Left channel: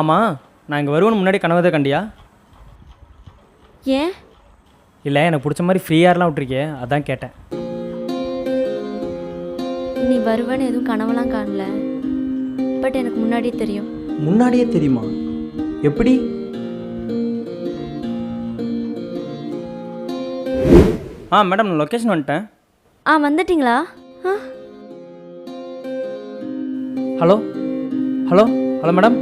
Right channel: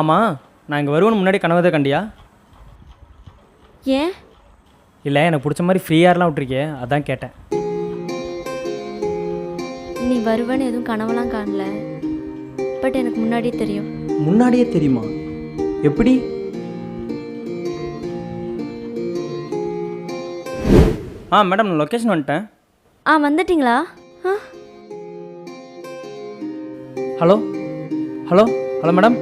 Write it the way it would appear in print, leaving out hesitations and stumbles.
ஆமாம், நான் இங்கே வருவேன்னு முன்னாடி கனவு தான் கண்டியா? ஏன்? இல்லை, எனக்கு பிடிச்ச மாதிரி ஃப்ரீயாரெலாம் விட்டுருக்கே, அதான் கேட்டேன். நீ வருவேன்னு எதுவும் கனவெல்லாம் காணல. பட் எனக்கு முன்னாடியே தெரியும். முன்னாடியே தெரியுமா? எப்படி? மேடம், நான் லொக்கேஷன் வந்துட்டேன். வந்துட்டிங்களா? Hello hello hello madam.